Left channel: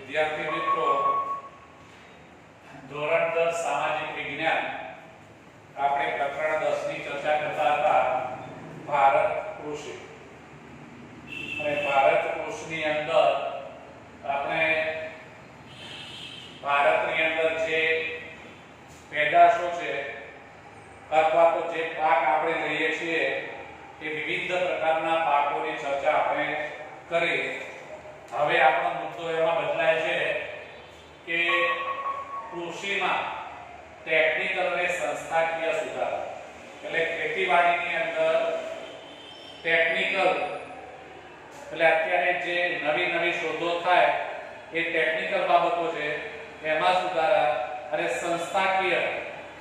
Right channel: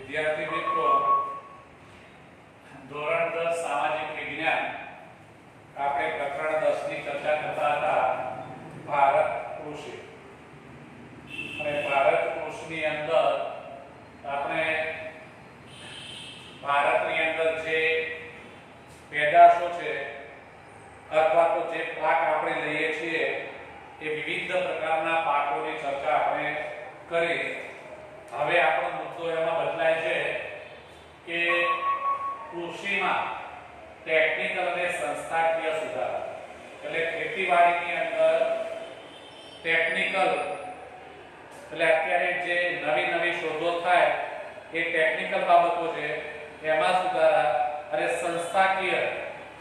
વિદ્યાર્થી મિત્રો, ધોરણ 10 સામાજિક વિજ્ઞાન આપણે પ્રકરણ 10 ની ચર્ચા કરતા હતા ભારત કૃષિ. અને ભારત કૃષિની અંદર આપણે ભારતની અંદર જે પેદાશો છે અથવા તો જે પાક આપણે લઈએ છીએ એ વિવિધ પ્રકારના પાકોની ચર્ચા આપણે કરી. હવે આપણો મુદ્દો એમાં બદલાય છે કે કૃષિમાં ટેકનિકલ અને સંસ્થાકીય સુધારા, એટલે ખેતીવાડીની અંદર ટેકનિકલ એટલે અત્યારે જે નવી નવી શોધો થાય એ ટેકનિકલ બાબતો છે એમાં સુધારા, અને સંસ્થાકીય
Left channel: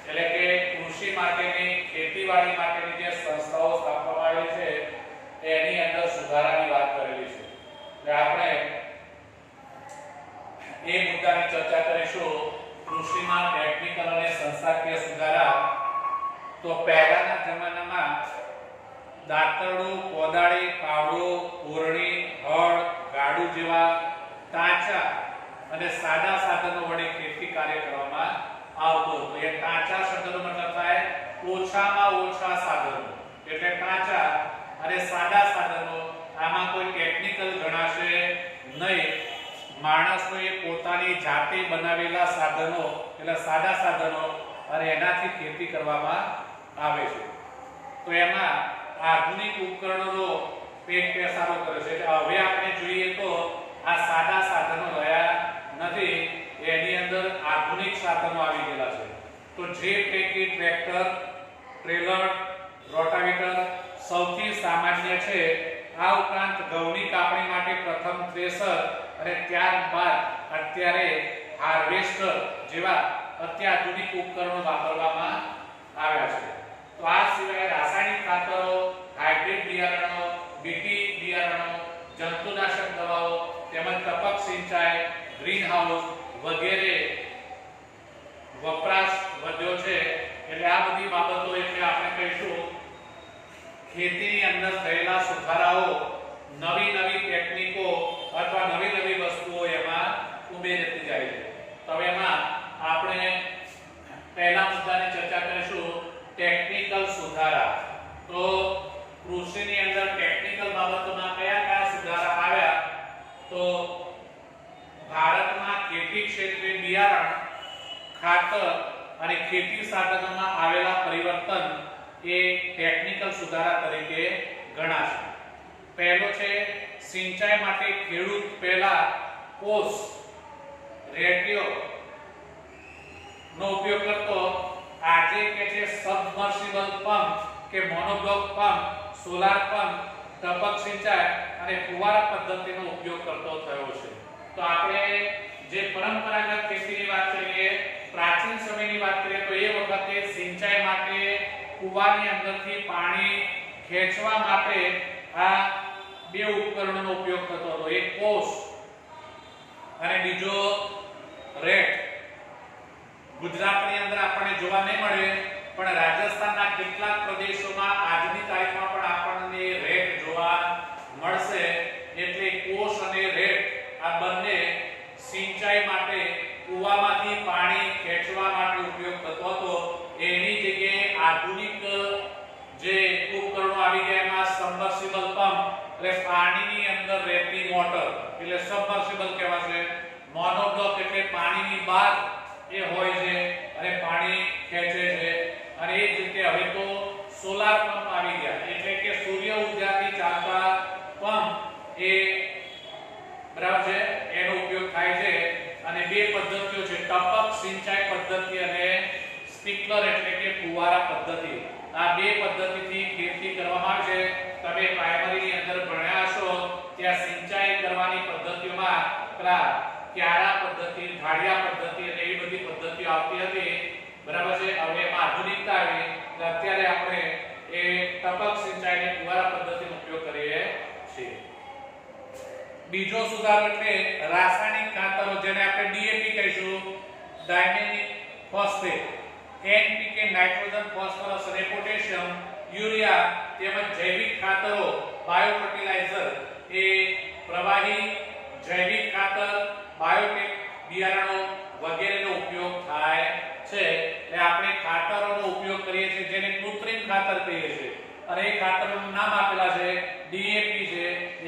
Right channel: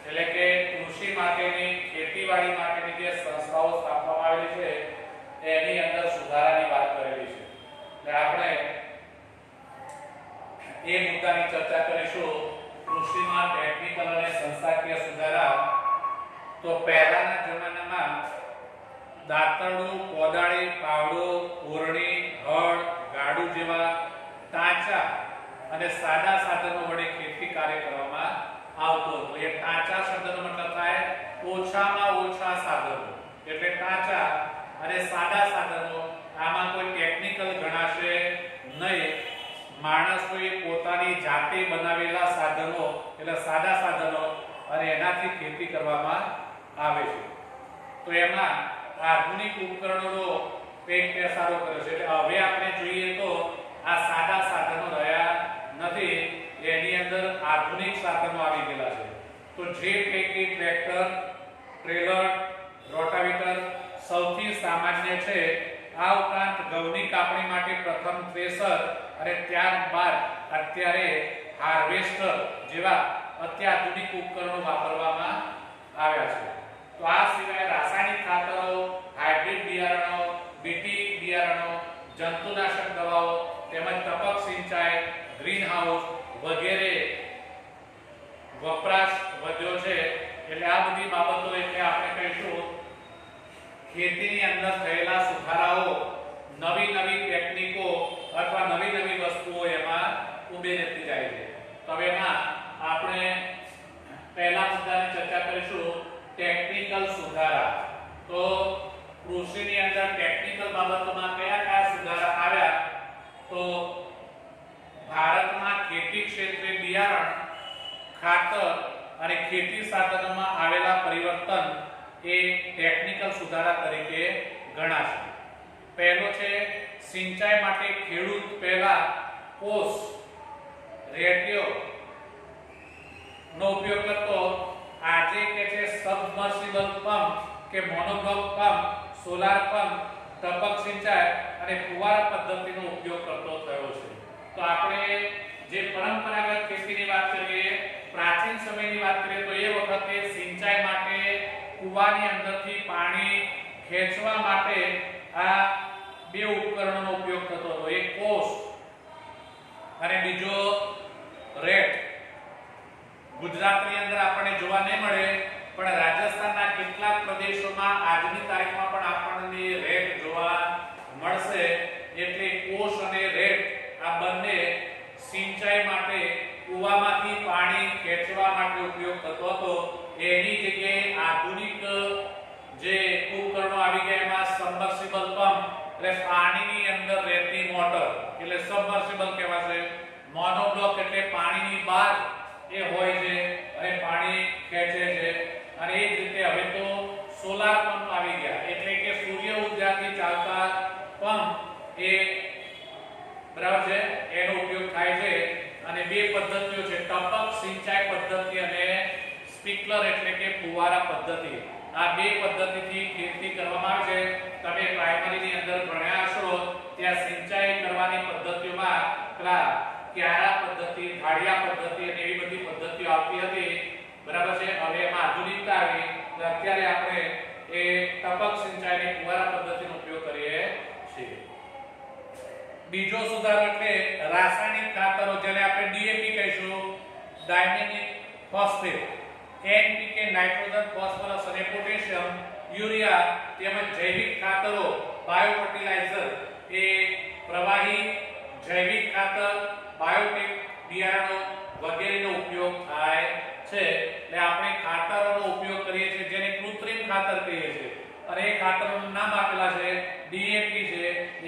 એટલે કે કૃષિ માટેની ખેતીવાડી માટેની જે સંસ્થાઓ સ્થાપવામાં આવેલી છે એની અંદર સુધારાની વાત કરેલી છે. એટલે આપણે એ મુદ્દાની ચર્ચા કરીશું. કૃષિમાં ટેકનિકલ અને સંસ્થાકીય સુધારા. તો પહેલાના જમાનામાં દાંતરડું, કોદાળી, પાવડો, કોરણી, હળ, ગાડું જેવા તાંચા અને સાદા સાધનો વડે ખેતી કાર્ય કરવામાં આવતો હતો. એ તાંચા શબ્દનો મતલબ થાય ઓછામાં ઓછા સાધનો, એટલે તાંચા અને સાદા સાધનો. આમાં કોઈ ટેકનિકલ ગણાશે નહીં. માણસોએ પોતાની જાતે બનાવેલા સાધનો એટલે સાદા સાધનો અને એનાથી ખેતી કરવામાં આવે છે. તો એમાં આધુનિક ઉપકરણોનો એક પેસારો કરે છે. એટલે હવે આપણે જોઈએ તો આ સાદા સાધનો રહ્યા નથી, એની અંદર આધુનિક સાધનો આવી ગયેલા છે. તો જે પૈકી ટ્રેક્ટર, ટ્રેલર, રોટાવેટર સૌથી સામાન્ય છે. આ ઉપરાંત ઘઉંની કાપણી માટે પ્રથમ થ્રેશર અને ત્યારબાદ અત્યારે હાર્વેસ્ટર જેવા અત્યાધુનિક ઉપકરણો વાપરવામાં આવ્યા છે. તો આ સિવાય રાસાયણિક ખાતરો, હાઇબ્રિડ બિયારણો, બીટી બિયારણો, જંતુનાશક દવાઓ તેમજ ટપક સિંચાઈ, ગ્રીન હાઉસ વગેરે વપરાશ વધ્યો છે. એટલે આ બધી બાબતો એટલે આપણે કહીશું ખેતીની અંદર થયેલા સુધારાઓ, નવી નવી ટેકનિકો અથવા નવી નવી વસ્તુઓ એમાં ઉમેરતી જાય છે. તો હવે એમાં આપણે પહેલા મુદ્દાની ચર્ચા કરીશું ટેકનિકલ સુધારા. તો કૃષિની અંદર ટેકનિકલ બાબતોમાં કયા કયા સુધારા આવ્યા? તો ભારતમાં ખેતી ક્ષેત્રે બિયારણ, ખાતર અને ખેતી સાધનોમાં આવેલા પરિવર્તન એ ટેકનિકલ સુધારા તરીકે ગણાશે. પહેલો છે સિંચાઈ માટે ખેડૂત પહેલા કોસ, રેડિયો નો ઉપયોગ કરતો. આજે કે છે સબમર્સિબલ પંપ કે મોનોબ્લોક પંપ, સોલાર પંપ, ટપક સિંચાઈ અને ફુવારા પદ્ધતિનો ઉપયોગ કરતો થયો છે. તો આપણે જે પરંપરાગત ખેતીની વાત કરીએ, પ્રાચીન સમયની વાત કરીએ તો એ વખતે સિંચાઈ માટે કુવાની અંદરથી પાણી ખેંચવા માટે આ બે ઉપકરણોનો ઉપયોગ થતો હતો. એક કોસ અને બીજો રેટ. ગુજરાતની અંદર આપણને જોવા નહીં મળે, પણ રાજસ્થાનના કેટલાક પ્રદેશોમાં આજની તારીખમાં પણ આપણને રેટ જોવા મળશે. એટલે કોસ અને રેટ આ બંને સિંચાઈ માટે કુવામાંથી પાણી ખેંચવા માટે ઉપયોગ થતો હતો. એની જગ્યાએ આધુનિક જે ઉપકરણો આવી ગયા એમાં સબમર્સિબલ પંપ એટલે પાણીની અંદર રહેતી મોટર એટલે સબમર્સિબલ કહેવાશે. મોનોબ્લોક એટલે પાણીની બહાર એ હોય છે અને પાણી ખેંચે છે. અને એ જ રીતે હવે તો સોલાર પંપ આવી ગયા એટલે કે સૂર્ય ઉર્જાથી ચાલતા પંપ એ બરાબર છે એનો ઉપયોગ થાય છે. અને બે પદ્ધતિઓ છે, ટપક સિંચાઈ પદ્ધતિ અને સ્પ્રિંકલર એટલે કે ફુવારા પદ્ધતિ. આ બે પદ્ધતિથી ખેતી કરવામાં આવે છે. તમે પ્રાઇમરીની અંદર ભણ્યા હશો ત્યાં સિંચાઈ કરવાની પદ્ધતિઓમાં ક્યારા પદ્ધતિ, ઢાળિયા પદ્ધતિ અને એવી બધી પદ્ધતિઓ આવતી હતી. બરાબર છે. હવે એમાં આધુનિકતા આવી. અત્યારે આપણે એ ટપક સિંચાઈ અને ફુવારા પદ્ધતિનો ઉપયોગ કરીએ છીએ. બીજો સુધારો એટલે રાસાયણિક ખાતરો, જેને આપણે ડીએપી કહીશું, ડાયમિનિક ફોસ્ફેટ, એનપીકે, નાઇટ્રોજન, ફોસ્ફરસ અને પોટેશિયમ, યુરિયા તેમજ જૈવિક ખાતરો, બાયો ફર્ટિલાઇઝર એ પ્રવાહી જૈવિક ખાતર, બાયોટેક બિયારણો વગેરેનો ઉપયોગ થાય છે. એટલે આપણે ખાતરોનો ઉપયોગ કરીએ છીએ જેને કૃત્રિમ ખાતર કહીએ છીએ. અને એ ખાતરોનું નામ આપેલા છે ડીએપી છે,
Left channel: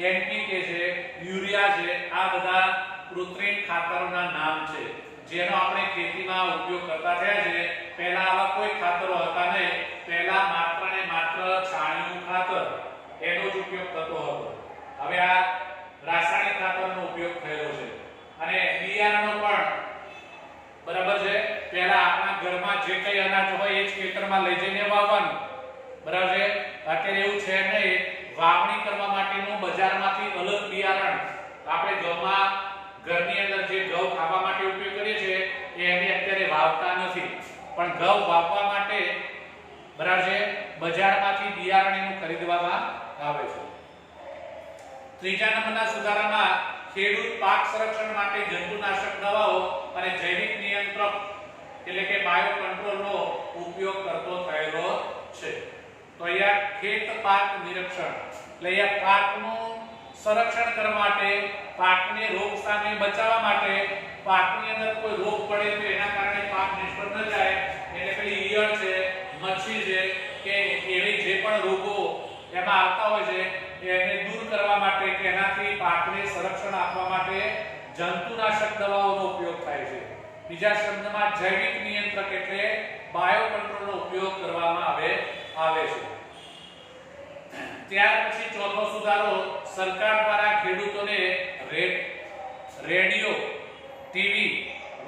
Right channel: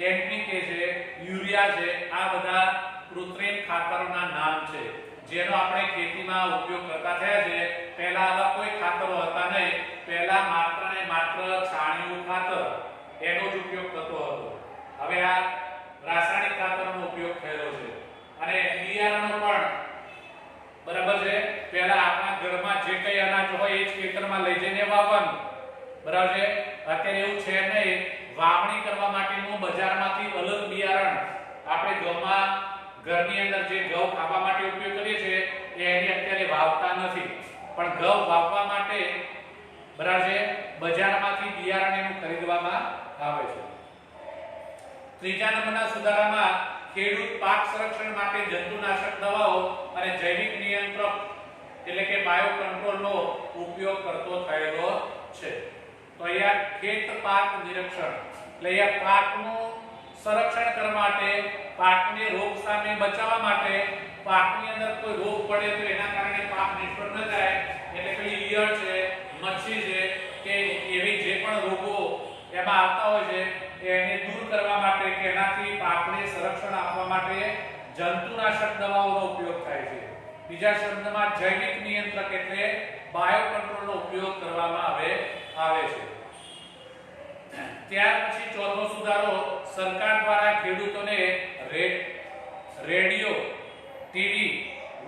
એનપીકે છે, યુરિયા છે. આ બધા કૃત્રિમ ખાતરોના નામ છે જેનો આપણે ખેતીમાં ઉપયોગ કરતા થયા છે. પહેલા આવા કોઈ ખાતરો હતા નહીં. પહેલા માત્ર ને માત્ર છાણિયું ખાતર એનો જ ઉપયોગ થતો હતો. હવે આ રાસાયણિક ખાતરનો ઉપયોગ થયો છે. અને બિયારણો પણ બરાબર છે. પહેલા આપણા ઘરમાં જે કઈ અનાજ હોય એ જ ખેતરમાં લઈ જઈને વાવવાનું. બરાબર છે. અત્યારે એવું છે નહીં. વાવણી કરવા માટેનું બજારમાંથી અલગ બિયારણ આપણે ઘરની અંદર જે ઘઉં ખાવા માટે ઉપયોગ કરીએ છીએ એને અત્યારે વાવતા નથી. પણ ઘઉં વાવવા માટે બરાબર છે બજારમાંથી બિયારણ એનું ખરીદવામાં આવે છે. ત્રીજા નંબરના સુધારામાં ખેડૂત પાક સંરક્ષણ માટે જંતુનાશક દવાઓ અને જૈવિક નિયંત્રક એટલે કે બાયો કંટ્રોલનો ઉપયોગ કરતો થયેલો છે. તો અહીંયા ખેત પાક નિરીક્ષણ એટલે અહીંયા પાકનું સંરક્ષણ કરવા માટે, પાકને રોગ સામે બચાવવા માટે, પાકની અંદર કોઈ રોગ પડે તો એના કારણે પાક નિષ્ફળ ન જાય એટલે પેલી ઈયળ છે, મચ્છી છે કે એવી જે પણ રોગો એમાં આવતા હોય છે એને દૂર કરવા માટે કે એનાથી પાકને સંરક્ષણ આપવા માટે જંતુનાશક દવાઓનો ઉપયોગ થાય છે. બીજા શબ્દમાં જૈવિક નિયંત્રક એટલે બાયો કંટ્રોલનો ઉપયોગ કરવામાં આવે છે. ત્યાર પછી ચોથો સુધારો સરકાર દ્વારા ખેડૂતોને રેડિયો, ટીવી,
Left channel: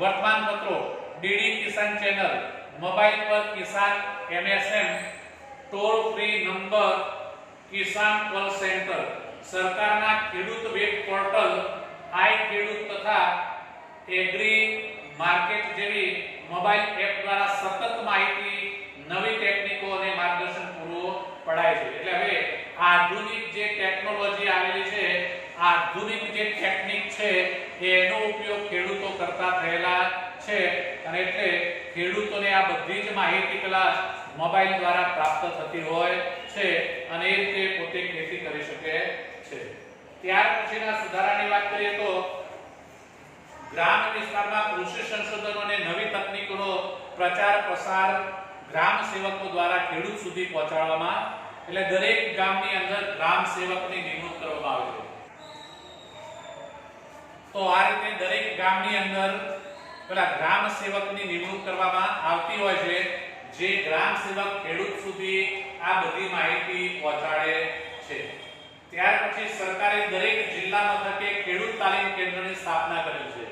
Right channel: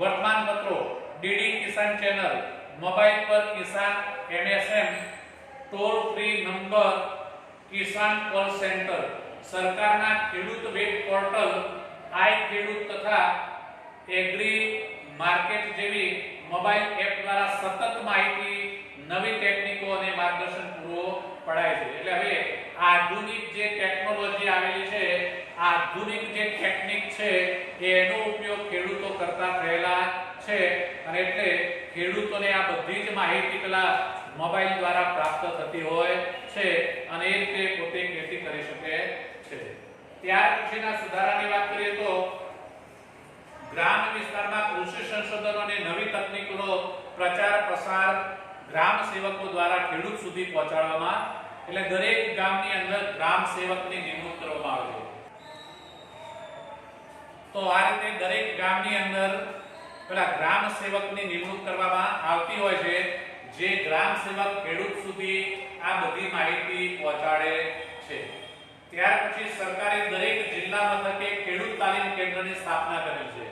વર્તમાનપત્રો, ડીડી કિસાન ચેનલ, મોબાઈલ પર કિસાન એમએસએમ, ટોલ ફ્રી નંબર કિસાન કોલ સેન્ટર, સરકારના ખેડૂત વેબ પોર્ટલ, આઈ ખેડૂત તથા એગ્રી માર્કેટ જેવી મોબાઈલ એપ દ્વારા સતત માહિતી, નવી ટેકનિકો અને માર્ગદર્શન પૂરું પડાય છે. એટલે હવે આધુનિક જે ટેકનોલોજી આવેલી છે, આધુનિક જે ટેકનિક છે એનો ઉપયોગ ખેડૂતો કરતા થયેલા છે. અને એટલે ખેડૂતોને આ બધી જ માહિતી પેલા મોબાઈલ દ્વારા પ્રાપ્ત થતી હોય છે અને એ રીતે પોતે ખેતી કરી શકે છે. ત્યાર પછીના સુધારાની વાત કરીએ તો ગ્રામ વિસ્તારમાં કૃષિ સંશોધનો અને નવી તકનીકોનો પ્રચાર પ્રસાર ગ્રામ સેવકો દ્વારા ખેડૂત સુધી પહોંચાડવામાં, એટલે દરેક ગામની અંદર ગ્રામ સેવકની નિમણૂક કરવામાં આવે છે. તો આ રીતે દરેક ગામની અંદર પેલા ગ્રામ સેવકની નિમણૂક કરવામાં આવતી હોય છે જે ગ્રામ સેવક ખેડૂત સુધી આ બધી માહિતી પહોંચાડે છે. ત્યાર પછી સરકારે દરેક જિલ્લા મથકે ખેડૂત તાલીમ કેન્દ્રની સ્થાપના કરેલ છે.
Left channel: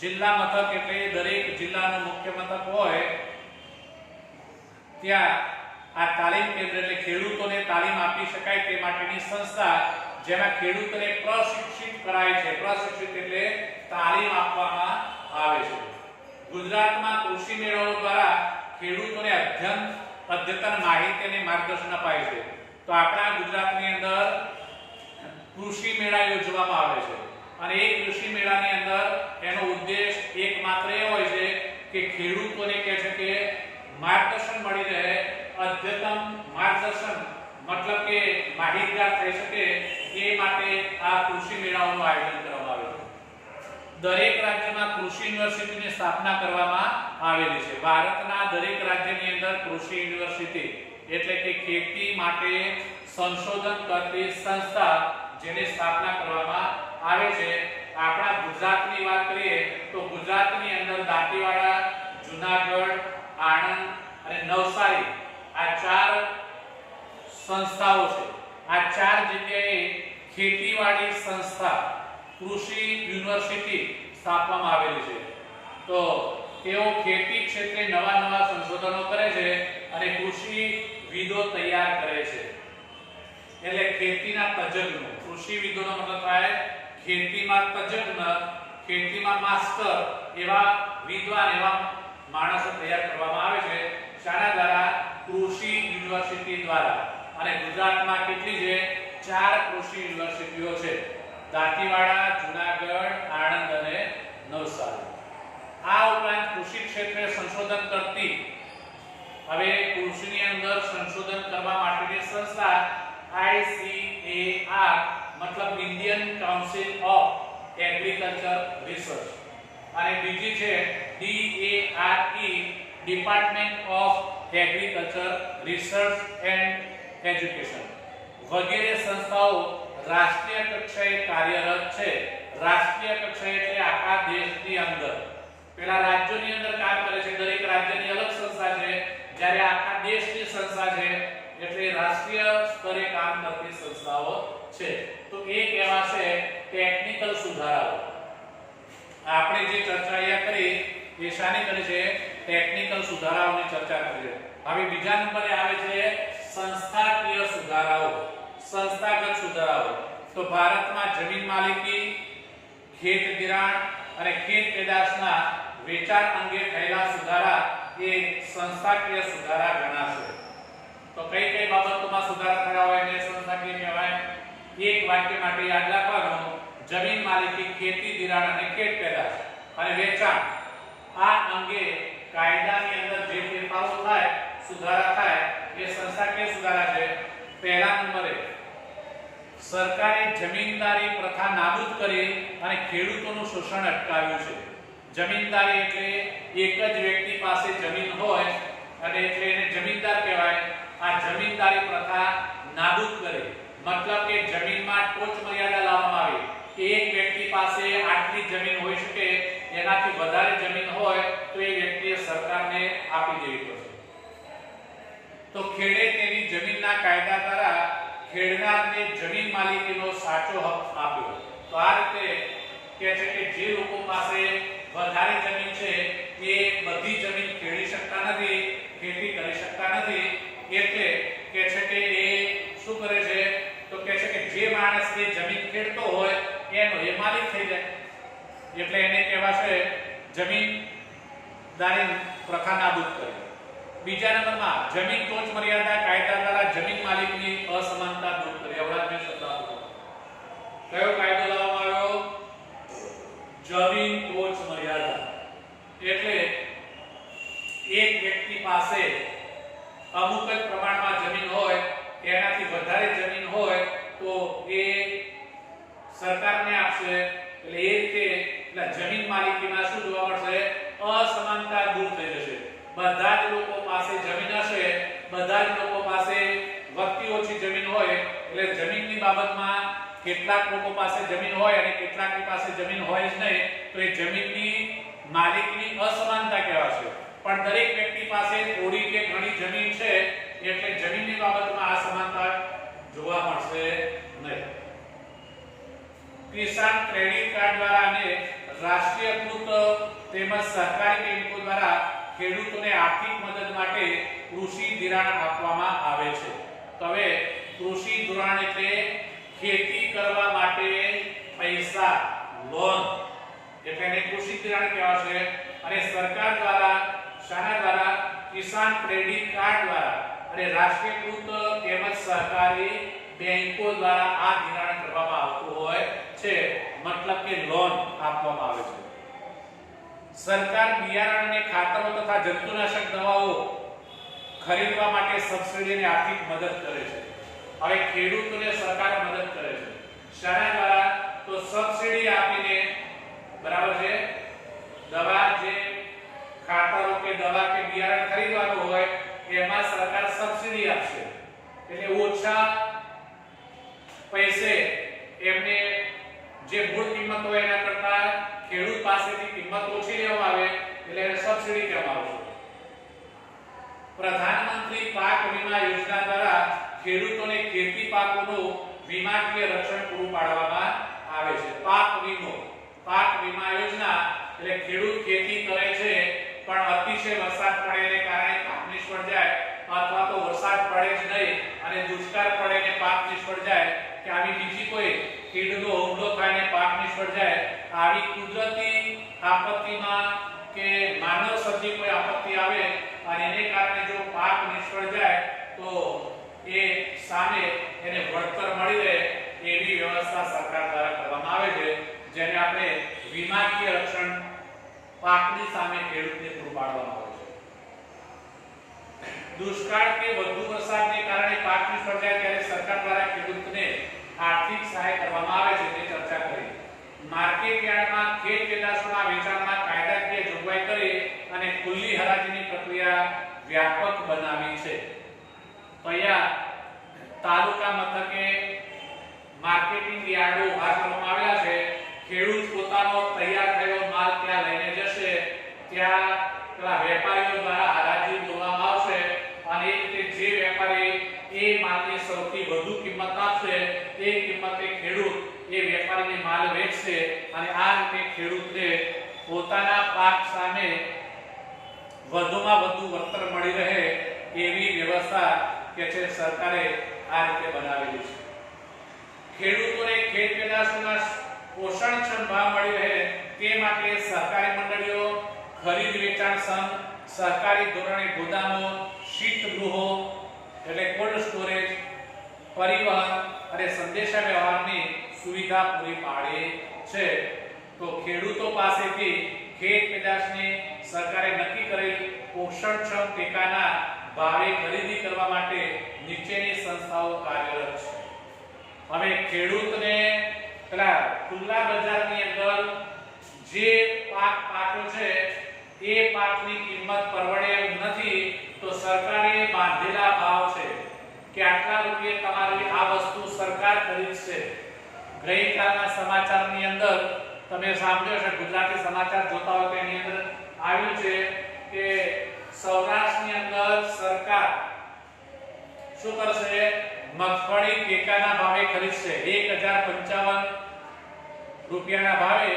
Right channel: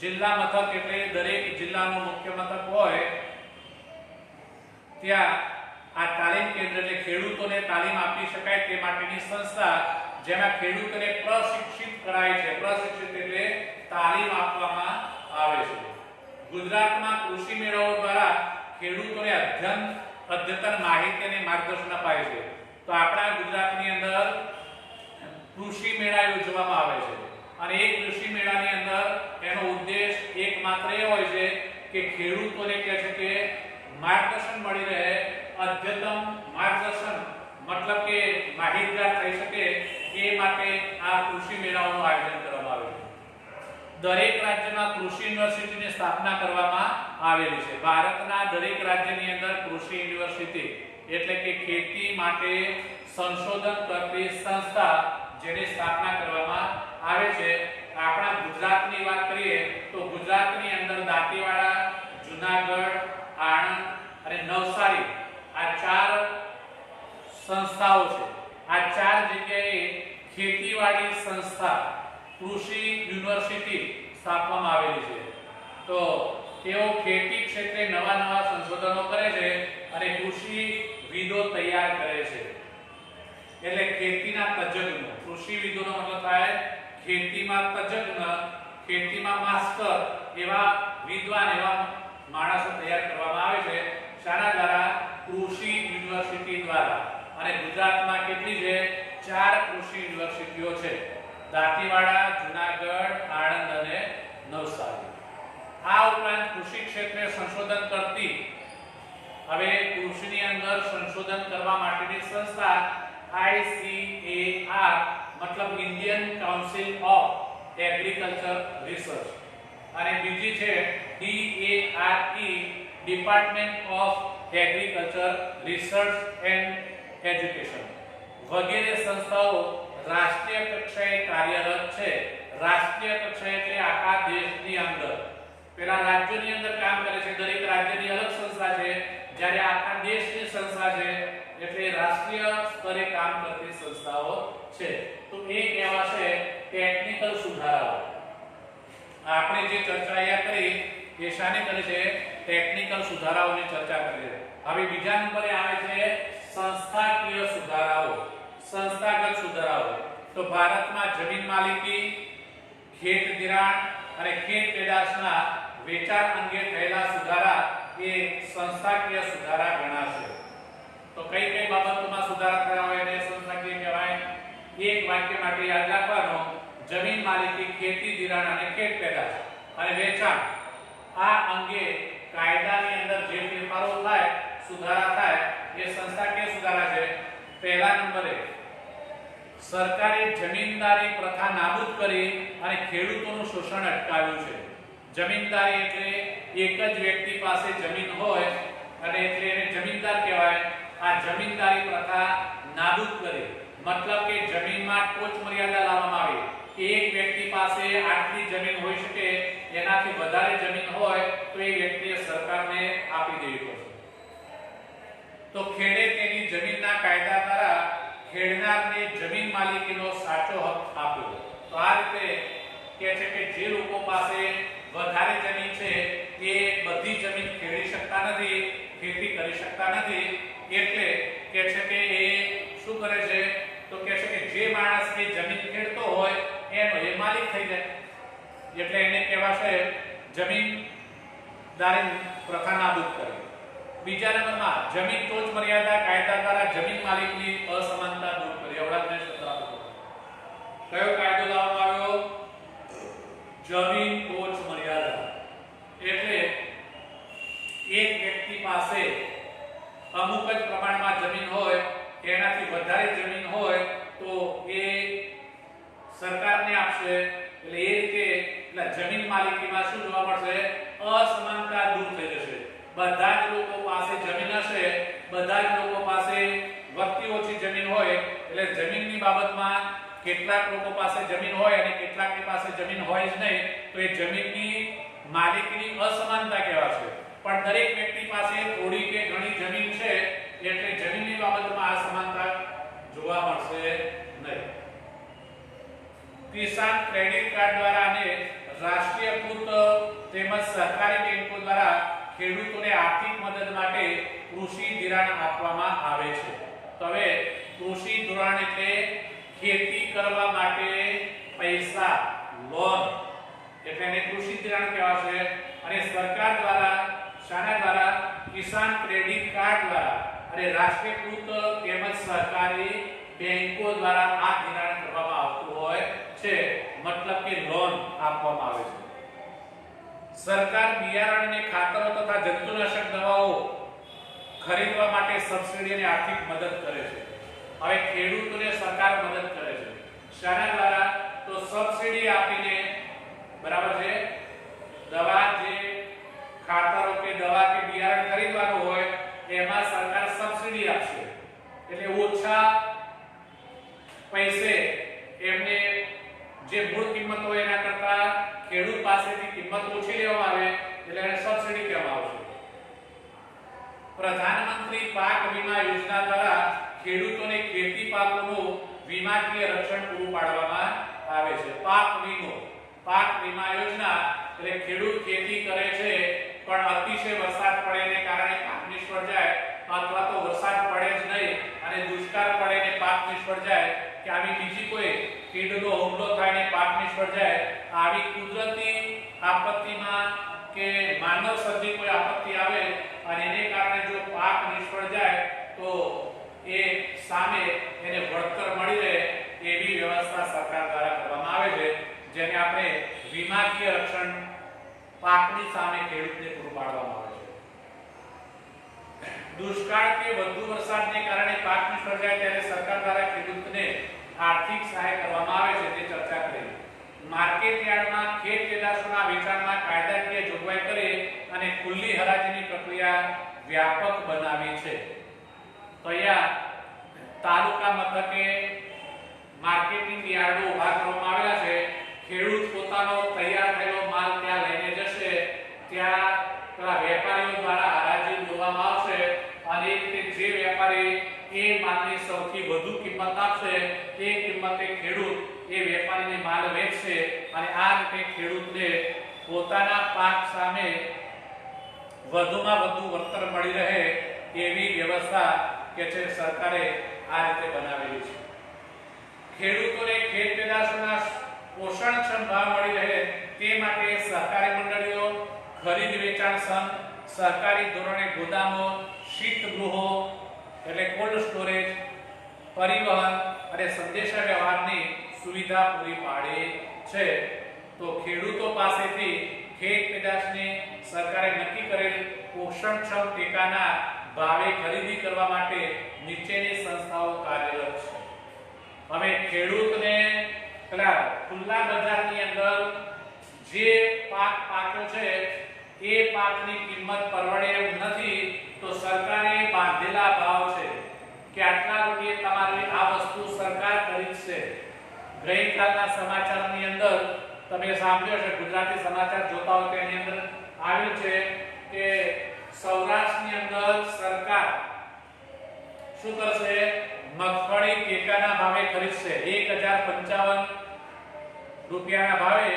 જિલ્લા મથક એટલે દરેક જિલ્લાનું મુખ્ય મથક હોય ત્યાં આ તાલીમ કેન્દ્ર એટલે ખેડૂતોને તાલીમ આપી શકાય તે માટેની સંસ્થા જેમાં ખેડૂતોને પ્રશિક્ષિત કરાય છે. પ્રશિક્ષિત એટલે તાલીમ આપવામાં આવે છે. ગુજરાતમાં કૃષિ મેળાઓ દ્વારા ખેડૂતોને અદ્યતન માહિતી અને માર્ગદર્શન અપાય છે. તો આપણા ગુજરાતની અંદર કૃષિ મેળા યોજવામાં આવે છે અને એ કૃષિ મેળાની અંદર એનો ઉદ્દેશ એકમાત્ર એ હોય છે કે ખેડૂતોને કહે છે કે માર્ગદર્શન મળી રહે, અદ્યતન માર્ગદર્શન મતલબ કે માહિતગાર થઈ શકે એ માટે આ કૃષિ મેળાઓનું આયોજન કરવામાં આવે છે. દરેક રાજ્યમાં કૃષિ યુનિવર્સિટીની સ્થાપના કરવામાં આવેલી છે. ભારતના દરેક રાજ્યની અંદર કૃષિ યુનિવર્સિટી એટલે કે ખેતી માટે સંશોધન કરતી સંસ્થા જેની સ્થાપના કરવામાં આવે છે. આપણા ગુજરાતની વાત કરીએ તો ગુજરાતની અંદર દાંતીવાડા, જૂનાગઢ, આણંદ અને નવસારી આ ચાર સંસ્થાઓ છે. આ ચાર જગ્યાએ ખેતીવાડી સંસ્થા કૃષિ યુનિવર્સિટી સ્થાપવામાં આવેલી છે. તો તેઓ ખેતી ક્ષેત્રે નવા સંશોધનો કરે છે અને કૃષિવિદો તૈયાર કરે છે. એટલે ખેતીના તજજ્ઞો, કૃષિવિદોનો મતલબ થાય ખેતીમાં તજજ્ઞ, ખેતીમાં માસ્ટર એવા વિદ્વાન એવા માણસો તૈયાર કરવામાં આવે છે. શાના દ્વારા? કૃષિ યુનિવર્સિટી દ્વારા. અને ગુજરાતમાં કેટલી છે? 4 કૃષિ યુનિવર્સિટીઓ છે. દાંતીવાડા, જૂનાગઢ, આણંદ અને નવસારી. આ ઉપરાંત કૃષિ ક્ષેત્રે સંશોધન કરતી હવે કૃષિની અંદર સંશોધન કરવા માટેની સંસ્થા ICAR મતલબ Indian council of agriculture research, અને બીજી છે DARE department of agriculture research and education વગેરે સંસ્થાઓ રાષ્ટ્રીય કક્ષાએ કાર્યરત છે. રાષ્ટ્રીય કક્ષાએ એટલે આખા દેશની અંદર. પેલા રાજ્યોની અંદર કામ કરે છે, દરેક રાજ્યની અલગ સંસ્થા છે, જ્યારે આખા દેશની સંસ્થા છે એટલે રાષ્ટ્રીય સ્તરે કામ કરતી સંસ્થાઓ છે. તો એ કહેવાશે ટેકનિકલ સુધારાઓ. આપણે જે ચર્ચા અહીંયા કરી એ શાની કરી છે? ટેકનિકલ સુધારાઓની ચર્ચા કરી છે. હવે બીજા નંબરે આવે છે સંસ્થાકીય સુધારાઓ. સંસ્થાગત સુધારાઓ. તો ભારતમાં જમીન માલિકી, ખેત ધિરાણ અને ખેત પેદાશના વેચાણ અંગે થયેલા સુધારા એ સંસ્થાકીય સુધારા ગણાશે. તો કઈ કઈ બાબતોમાં સુધારા થયા હોય એને સંસ્થાકીય કહેવાય? એક વાક્ય માટે યાદ રાખવાનું: જમીન માલિકી, ખેતી ધિરાણ અને ખેત પેદાશ અને વેચાણ આ અંગે કાયદાની અંદર જે ફેરફારો થાય, સુધારા થાય એ સંસ્થાકીય સુધારા છે. પહેલા નંબરે સરકારે જમીનદારી પ્રથા નાબૂદ કરી અને ખેડૂતોનું શોષણ અટકાવ્યું છે. જમીનદારી એટલે એક જ વ્યક્તિ પાસે જમીન હોય અને એટલે એને જમીનદાર કહેવાય. આ જમીનદારી પ્રથા નાબૂદ કરી મતલબ કે જમીનમાં ટોચ મર્યાદા લાવવામાં આવી કે એક વ્યક્તિ પાસે આટલી જમીન હોઈ શકે, એનાથી વધારે જમીન હોય તો એ વ્યક્તિએ સરકારને આપી દેવી પડશે. તો ખેડે તેની જમીનના કાયદા દ્વારા ખેડનારને જમીન માલિકીનો સાચો હક આપ્યો. તો આ રીતે કહે છે કે જે લોકો પાસે વધારે જમીન છે એ બધી જમીન ખેડી શકતા નથી, ખેતી કરી શકતા નથી, એટલે કહે છે કે એ શું કરે છે? તો કહે છે કે જે માણસની જમીન ખેડતો હોય એનો એ માલિક થઈ જાય, એટલે એને કહેવાશે જમીનદારી પ્રથા નાબૂદ કરી. બીજા નંબરમાં જમીન ટોચ મર્યાદા કાયદા દ્વારા જમીન માલિકની અસમાનતા દૂર કરી. અવરાજને શબ્દ આપો. કયો કાયદો લાવવામાં આવ્યો? જમીન ટોચ મર્યાદા. એટલે એક વ્યક્તિ પાસે અમુક જ પ્રમાણમાં જમીન હોય, એનાથી વધારે જમીન હોય તો એ સરકારને આપશે. એટલે એ રીતે જમીન માલિકીમાં શું જોવા મળશે? અસમાનતા દૂર થઈ જશે. બધા જ લોકો પાસે જમીન હશે, બધા જ લોકો પાસે વધતી ઓછી જમીન હોય, એટલે જમીનની બાબતમાં કેટલાક લોકો પાસે જમીન હોય અને કેટલાકની પાસે જમીન હોય જ નહીં, તો એ જમીનની માલિકીની અસમાનતા કહેવાશે. પણ દરેક વ્યક્તિ પાસે થોડી કે ઘણી જમીન છે એટલે જમીનની બાબતમાં અસમાનતા જોવા મળશે નહીં. કિસાન ક્રેડિટ કાર્ડ દ્વારા અને રાષ્ટ્રીયકૃત તેમજ સરકારી બેંકો દ્વારા ખેડૂતોને આર્થિક મદદ માટે કૃષિ ધિરાણ આપવામાં આવે છે. તો હવે કૃષિ ધિરાણ એટલે ખેતી કરવા માટે પૈસા, લોન, એટલે એને કૃષિ ધિરાણ કહેવાશે. અને સરકાર દ્વારા શાના દ્વારા? કિસાન ક્રેડિટ કાર્ડ દ્વારા અને રાષ્ટ્રીયકૃત તેમજ સરકારી બેંકો દ્વારા આ ધિરાણ કરવામાં આવતું હોય છે, મતલબ કે લોન આપવામાં આવે છે. સરકાર બિયારણ અને ખાતરો તથા જંતુનાશક દવાઓ ખરીદવા માટે સબસિડી અને આર્થિક મદદ કરે છે. હવે ખેડૂતોને સરકાર મદદ કરે છે શાના દ્વારા? તો સબસિડી આપીને, બરાબર છે, દવા જે ખાતરો કે દવા કે બિયારણ ખરીદવાનું હોય એમાં સરકાર સબસિડી આપશે. એટલે ઓછા પૈસે એમને જે મૂળ કિંમત હોય એના કરતા ખેડૂત પાસેથી કિંમત ઓછી લેવામાં આવે એટલે એને સબસિડી કહેવામાં આવશે. પ્રધાનમંત્રી પાક વીમા યોજના દ્વારા ખેડૂતોને ખેતી પાકોનું વીમાકીય રક્ષણ પૂરું પાડવામાં આવે છે. પાક વીમા યોજના એટલે ખેડૂત ખેતી કરે છે પણ અતિશય વરસાદ પડે ને કારણે પાક નિષ્ફળ જાય, અથવા તો વરસાદ પડે જ નહીં અને દુષ્કાળ પડે ને પાક નિષ્ફળ જાય, કે આવી બીજી કોઈ કીડનો હુમલો થાય ને પાક નિષ્ફળ જાય, આવી કુદરતી આપત્તિમાં કે માનવ સર્જિત કોઈ આપત્તિ આવે અને એને કારણે જો પાક નિષ્ફળ જાય તો એ સામે એને વળતર મળી રહે એવી વ્યવસ્થા સરકાર દ્વારા કરવામાં આવે છે, જેને આપણે વીમાકીય રક્ષણ પાકની સામે ખેડૂતને પૂરું પાડવામાં આવે છે. દુષ્કાળ કે વધુ વરસાદને કારણે પાક નિષ્ફળ જાય ત્યારે સરકાર દ્વારા ખેડૂતને આર્થિક સહાય કરવામાં આવે છે, તે ચર્ચા કરી. માર્કેટ યાર્ડમાં ખેત પેદાશોના વેચાણમાં કાયદાકીય જોગવાઈ કરી અને ખુલ્લી હરાજીની પ્રક્રિયા વ્યાપક બનાવી છે. તો અહીંયા તાલુકા મથકે માર્કેટિંગ યાર્ડો ઉભા કરવામાં આવેલા છે. ખેડૂત પોતાનો તૈયાર થયેલો માલ ત્યાં લઈને જશે, ત્યાં પેલા વેપારીઓ દ્વારા હરાજી બોલવામાં આવશે અને એ રીતે જે વેપારી એ માલની સૌથી વધુ કિંમત આપશે એ કિંમતે ખેડૂત એ વેપારીને માલ વેચશે અને આ રીતે ખેડૂતને પોતાના પાક સામે વધુમાં વધુ વળતર મળી રહે એવી વ્યવસ્થા કે છે સરકારે આ રીતે બનાવેલી છે. ખેડૂતોને ખેત પેદાશોના પોષણક્ષમ ભાવ મળી રહે તે માટે સહકારી મંડળીઓ, ખરીદ વેચાણ સંઘ, સહકારી ધોરણે ગોદામો, શીતગૃહો એટલે કોલ્ડ સ્ટોરેજ, પરિવહન અને સંદેશા વ્યવહારની સુવિધા પૂરી પાડે છે. તો ખેડૂતો પાસેથી ખેત પેદાશને સરકારે નક્કી કરેલ પોષણક્ષમ ટેકાના ભાવે ખરીદી કરવા માટે નીચેની સંસ્થાઓ કાર્યરત છે. હવે ખેડૂતને પેલા ખુલ્લા બજારની અંદર જે પાક પાક્યો છે એ પાકની કિંમત પરવડે એમ નથી તો સરકારે બાંધેલા ભાવ છે કે આટલા રૂપિયે તમારી આ વસ્તુ સરકાર ખરીદશે. ગઈકાલના સમાચારની અંદર તમે સાંભળ્યો છે, ગુજરાતી સમાચાર જોતા હો તો એની અંદર આવ્યું છે કે સૌરાષ્ટ્રની અંદર સરકાર શું કરશે? મગફળી ટેકાના ભાવે ખરીદશે. 1055 રૂપિયાના ભાવે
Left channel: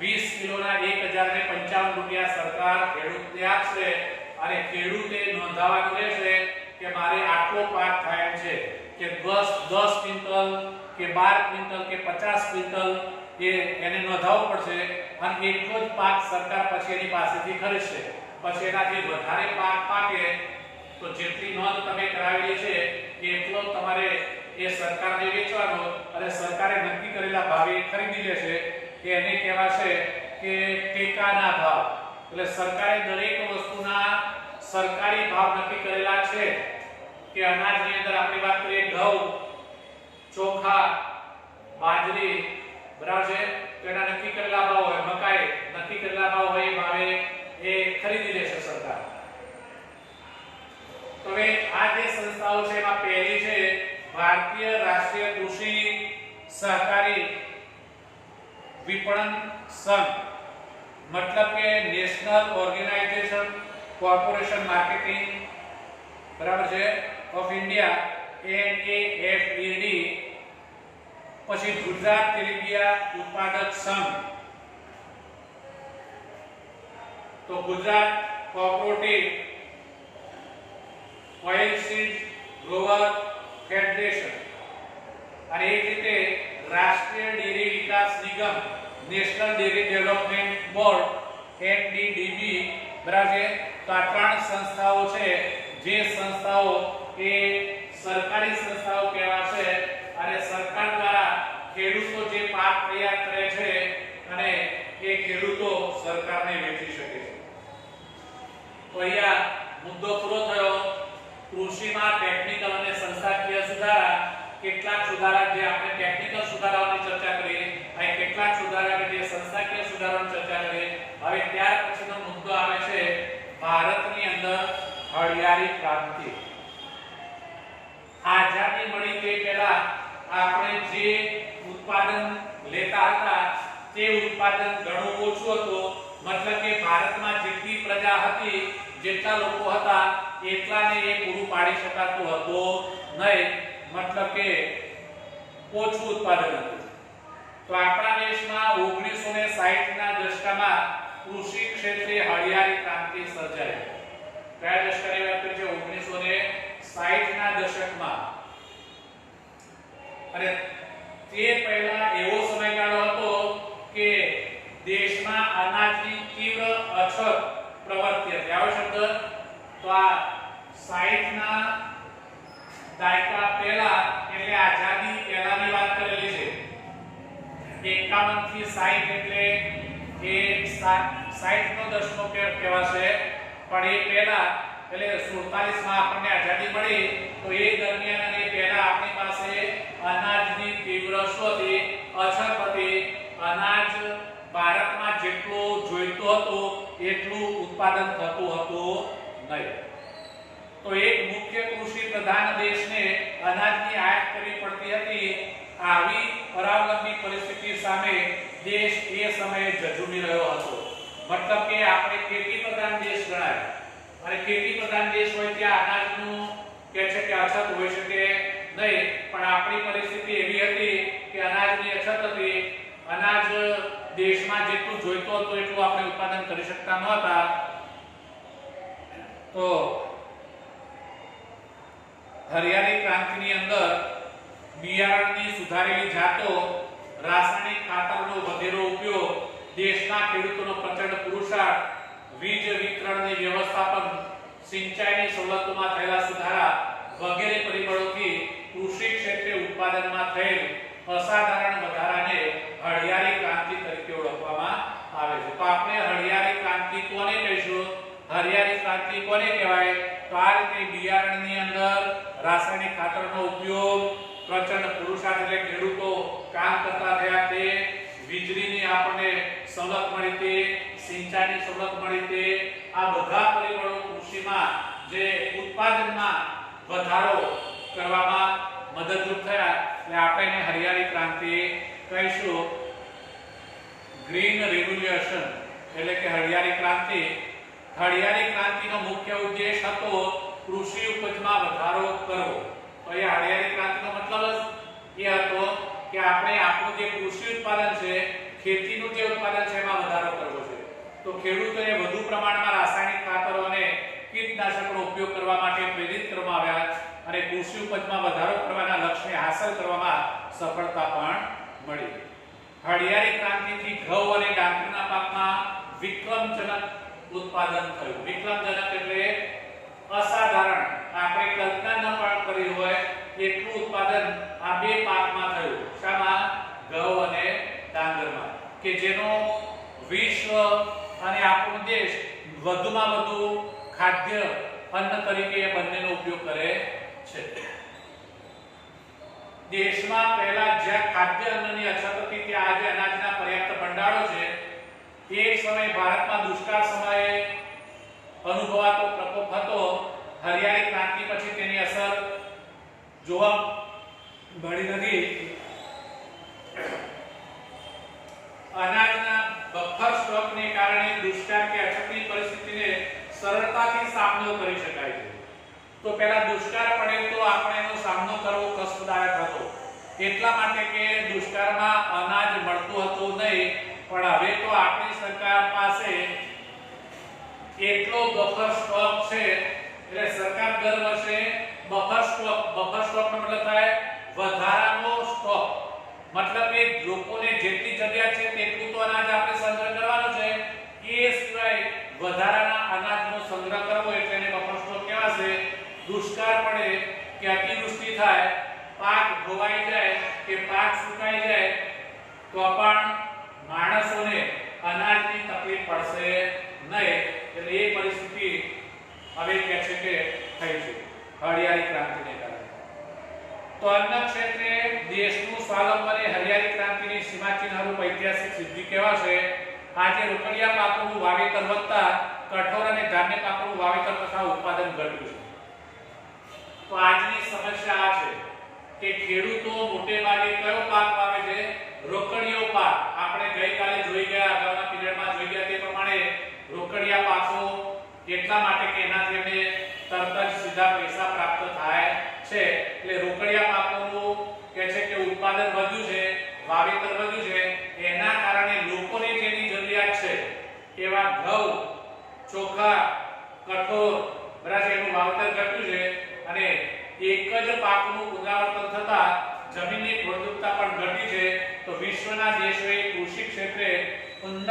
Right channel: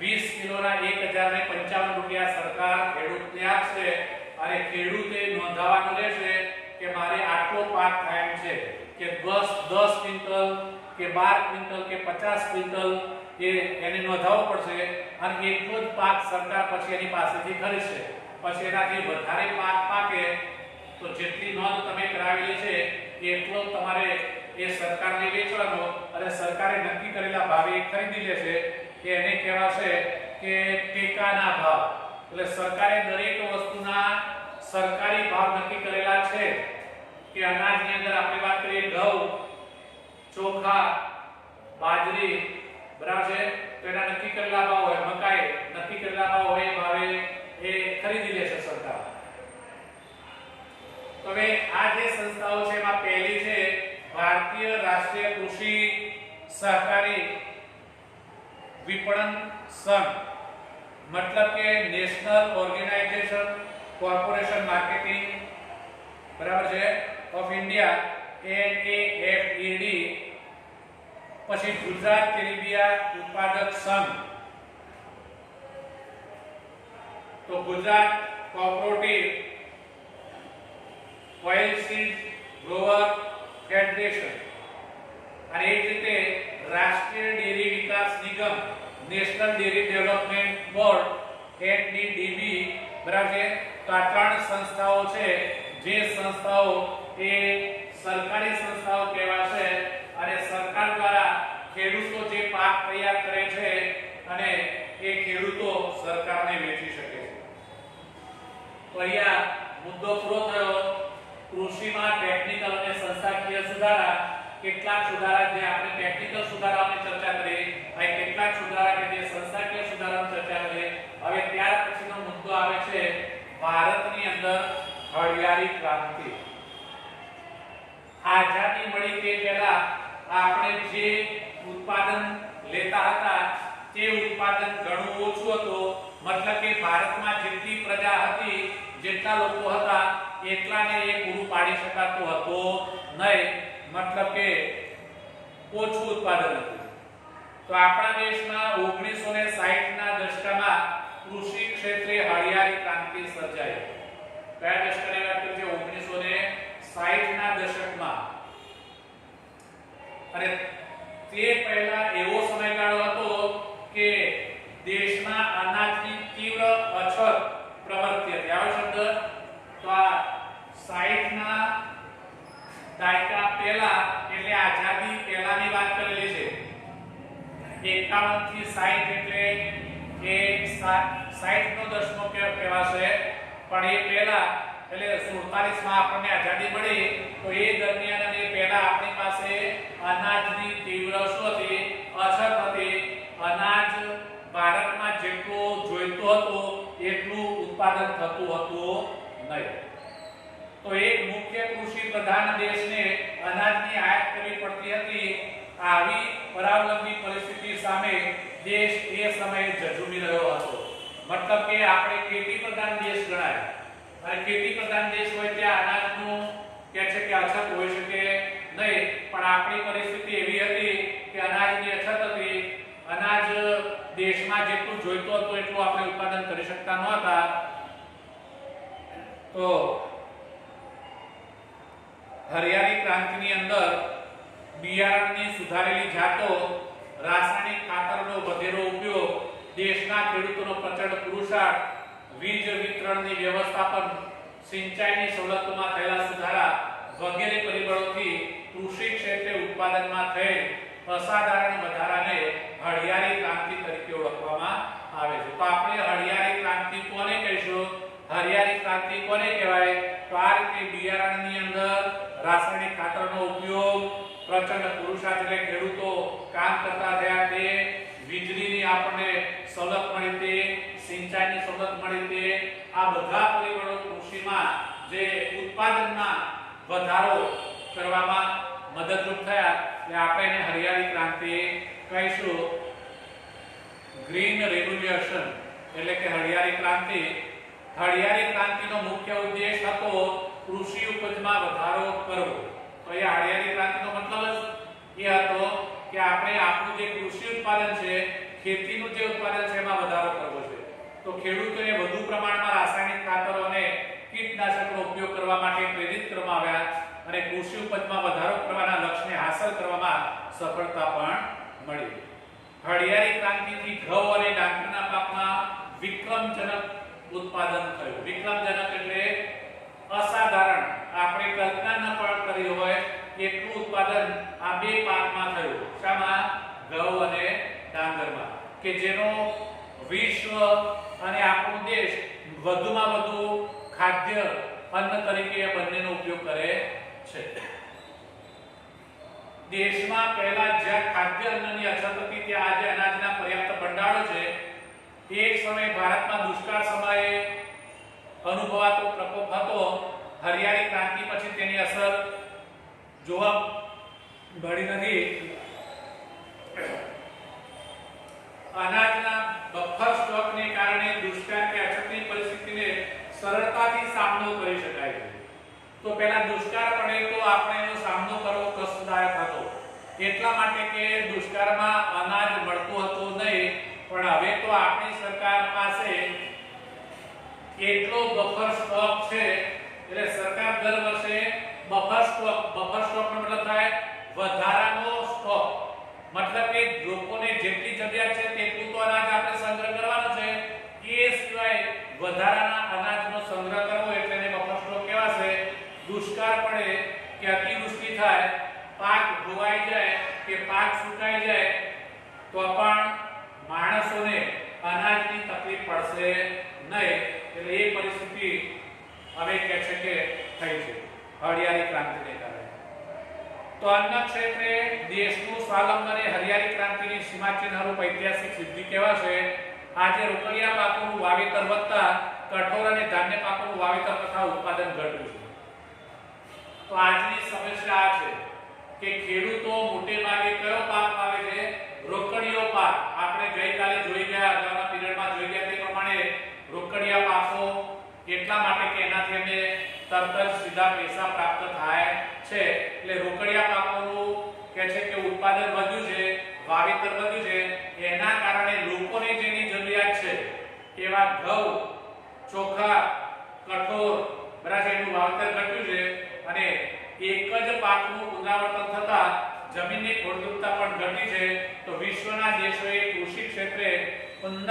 20 કિલોના 1055 રૂપિયા સરકાર ખેડૂતને આપશે અને ખેડૂતે નોંધાવવાનું રહેશે કે મારે આટલો પાક થાય એમ છે કે 10 ક્વિન્ટલ કે 12 ક્વિન્ટલ કે 50 ક્વિન્ટલ એને નોંધાવવું પડશે અને એટલો જ પાક સરકાર પછી એની પાસેથી ખરીદશે. પછી એનાથી વધારે પાક પાકે તો જેટલી નોંધ તમે કરાવેલી છે એટલો તમારે એ સરકારને વેચવાનો અને સરકારે નક્કી કરેલા ભાવે ખરીદી લેશે. એને કહેવાશે કે ટેકાના ભાવ. એટલે સરકારે દરેક વસ્તુના સરકારી ભાવ નક્કી કરેલા છે કે અનાજની અંદર આપણે વાત કરીએ ઘઉં, ચોખા, બાજરી, બરાબર છે, તો એના નક્કી કરેલા ભાવ હોય. મકાઈ નક્કી કરેલા ભાવ હોય એ ભાવે એ ખરીદી લેશે સરકાર. તો હવે આ જે સંસ્થાઓ છે એમાં પહેલી છે ભારતીય રાષ્ટ્રીય કૃષિ સહકારી વિપણન સંઘ, મતલબ કે નેશનલ ઓર્ગેનાઇઝેશન કોર્પોરેશન માર્કેટિંગ, બરાબર છે, ઓફ ઇન્ડિયા, NAFED. પછી ગુજરાત તેલીબિયા ઉત્પાદક સંઘ, તો Gujarat cooperative oilseed Grover federation. અને એ રીતે રાષ્ટ્રીય ડેરી વિકાસ નિગમ, national dairy development board, NDDB, બરાબર છે. તો આ ત્રણ સંસ્થાઓ છે જે સંસ્થાઓ એ સરકારી સંસ્થાઓ કહેવાશે અને સરકાર દ્વારા ખેડૂતો જે પાક તૈયાર કરે છે અને એ ખેડૂતો સરકારને વેચી શકે છે. તો અહીંયા મુદ્દો પૂરો થયો. કૃષિમાં ટેકનિકલ અને સંસ્થાકીય સુધારા. કેટલાક સુધારા જે આપણે ટેકનિકલ સુધારાઓની ચર્ચા કરી અને કેટલાક સુધારા કે જે સંસ્થાકીય સુધારાઓની ચર્ચા કરી. હવે ત્યાર પછીનો મુદ્દો આવે છે ભારતની અંદર હળિયાળી ક્રાંતિ. આઝાદી મળી તે પહેલા આપણે જે ઉત્પાદન લેતા હતા તે ઉત્પાદન ઘણું ઓછું હતું. મતલબ કે ભારતમાં જેટલી પ્રજા હતી, જેટલા લોકો હતા એટલાને એ પૂરું પાડી શકાતું હતું નહીં. મતલબ કે ઓછું ઉત્પાદન હતું. તો આપણા દેશમાં 1960ના દશકમાં કૃષિ ક્ષેત્રે હળિયાળી ક્રાંતિ સર્જાઈ. કયા દશકની વાત કરીએ? 1960ના દશકમાં. અને તે પહેલા એવો સમયગાળો હતો કે દેશમાં અનાજની તીવ્ર અછત પ્રવર્તી હતી. આવો શબ્દ તો આ 60ના દાયકા પહેલા એટલે આઝાદી પહેલાની વાત કરેલી છે. 51 થી 60 એટલે એ 60 નો દશકો કહેવાશે. પણ એ પહેલા એટલે 47 માં આપણને આઝાદી મળી તો એ દરમિયાન અને પહેલા આપણી પાસે અનાજની તીવ્ર અછત હતી. અનાજ ભારતમાં જેટલું જોઈતું હતું એટલું ઉત્પાદન થતું હતું નહીં. તો એક મુખ્ય કૃષિ પ્રધાન દેશને અનાજની આયાત કરવી પડતી હતી. આવી પરાવલંબી પરિસ્થિતિ સામે દેશ એ સમયે ઝઝૂમી રહ્યો હતો. મતલબ કે આપણે ખેતી પ્રધાન દેશ ગણાય અને ખેતી પ્રધાન દેશ હોય ત્યાં અનાજનું કે છે કે અછત હોઈ શકે નહીં, પણ આપણી પરિસ્થિતિ એવી હતી કે અનાજની અછત હતી. અનાજ દેશમાં જેટલું જોઈતું હતું એટલું આપણે ઉત્પાદન કરી શકતા નહોતા. તો હરિયાળી ક્રાંતિની અંદર બિયારણની સુધારેલી જાતો, રાસાયણિક ખાતરનો વધેરો ઉપયોગ, દેશના ખેડૂતોનો પ્રચંડ પુરુષાર્થ, વીજ વિતરણની વ્યવસ્થાપન, સિંચાઈની સવલતોમાં થયેલા સુધારા વગેરે પરિબળોથી કૃષિ ક્ષેત્રે ઉત્પાદનમાં થયેલ અસાધારણ વધારાને હરિયાળી ક્રાંતિ તરીકે ઓળખવામાં આવે છે. તો આપણે હરિયાળી ક્રાંતિ કોને કહીશું? હરિયાળી ક્રાંતિ કોને કહેવાય? તો આ રીતે બિયારણની અંદર રાસાયણિક ખાતરનો ઉપયોગ, પ્રચંડ પુરુષાર્થ એટલે ખેડૂતો કામ કરતા થયા તે, વીજળીની આપણને સવલત મળી તે, સિંચાઈની સવલત મળી તે, આ બધા પરિબળો કૃષિમાં જે ઉત્પાદનમાં વધારો કરવામાં મદદરૂપ થયા એટલે આપણે એને હરિયાળી ક્રાંતિ કહીશું. ગ્રીન રિવોલ્યુશન એટલે કે હરિયાળી ક્રાંતિ. હરિયાળી ક્રાંતિનો મુખ્ય ઉદ્દેશ હતો કૃષિ ઉપજમાં વધારો કરવો. તો એ હરિયાળી ક્રાંતિનો મતલબ એ હતો કે આપણે આપણું જે કૃષિ ઉત્પાદન છે, ખેતીનું જે ઉત્પાદન છે એમાં વધારો કરવો છે. તો ખેડૂતોએ વધુ પ્રમાણમાં રાસાયણિક ખાતરો અને કીટનાશકોનો ઉપયોગ કરવા માટે પ્રેરિત કરવામાં આવ્યા અને કૃષિ ઉપજમાં વધારો કરવાના લક્ષ્યને હાંસલ કરવામાં સફળતા પણ મળી. હરિયાળી ક્રાંતિથી ઘઉં અને ડાંગરના પાકમાં વિક્રમજનક ઉત્પાદન થયું. વિક્રમજનક એટલે અસાધારણ, આપણે કલ્પના ન પણ કરી હોય એટલું ઉત્પાદન આ બે પાકમાં થયું. શામાં? ઘઉં અને ડાંગરમાં, કે જેનો વિશ્વ અને આપણો દેશ વધુમાં વધુ ખાદ્ય અન્ન તરીકે બંનેનો ઉપયોગ કરે છે. દેશમાં પહેલા જ્યાં ખાદ્ય અન્નની અછત હતી ત્યાં આજે અનાજના પર્યાપ્ત ભંડારો છે. એક સમય ભારતમાં દુષ્કાળ સમયે અનુભવાતો પ્રકોપ હતો. હરિયાળી ક્રાંતિ પછી તેની અસર જોવા મળી નથી. અનાજના બફર સ્ટોકને કારણે દુષ્કાળ કે અછતની પરિસ્થિતિને સરળતાથી સામનો કરી શકાય છે. તો પહેલા દુષ્કાળ પડે તો આપણે એનો સામનો કરવો કષ્ટદાયક હતો, એટલા માટે કે દુષ્કાળમાં અનાજ મળતું હતું નહીં. પણ હવે તો આપણી સરકાર પાસે એટલો બફર સ્ટોક છે એટલે સરકાર દર વર્ષે બફર સ્ટોકનો મતલબ થાય વધારાનો સ્ટોક. મતલબ કે લોકોને જેટલી જરૂરિયાત છે તેટલું તો અનાજ આપણે સંગ્રહ કરવાનો છે, એ સિવાય વધારાના અનાજનો સંગ્રહ કરવો એટલે એને બફર સ્ટોક કહેવાશે. દુષ્કાળ પડે કે અતિવૃષ્ટિ થાય, પાક ધોવાઈ જાય કે પાક સુકાઈ જાય તો પણ માણસોને અનાજની તકલીફ પડશે નહીં. એટલે એ પરિસ્થિતિ હવે કે છે કે થઈ છે હરિયાળી ક્રાંતિને કારણે. તો અન્ન ક્ષેત્રે દેશનું સ્વાવલંબન એ હરિયાળી ક્રાંતિની સીમાચિહ્નરૂપ ઐતિહાસિક સિદ્ધિ કહેવાશે. આજે રોકડિયા પાકોનું વાવેતર વધતા કઠોળ અને ધાન્ય પાકોનું વાવેતર તથા ઉત્પાદન ઘટ્યું છે. તો આજની સમસ્યા આ છે કે ખેડૂતો મોટે ભાગે કયો પાક વાવે છે? રોકડીયો પાક. આપણે ગઈકાલે જોઈ ગયા, અગાઉના પીરિયડમાં જોઈ ગયા તે પ્રમાણે રોકડિયા પાકો એટલા માટે કે એનાથી એમને તરત જ સીધા પૈસા પ્રાપ્ત થાય છે. એટલે રોકડિયા પાકોનું કે છે કે ઉત્પાદન વધ્યું છે, વાવેતર વધ્યું છે. એના કારણે લોકોને જેની જરૂરિયાત છે એવા ઘઉં, ચોખા, કઠોળ બરાબર એનું વાવેતર ઘટ્યું છે અને એક જ પાકનું પુનરાવર્તન થતા જમીનની ફળદ્રુપતા પણ ઘટી છે. તો વિશ્વના દેશોએ કૃષિ ક્ષેત્રે ઉન્નત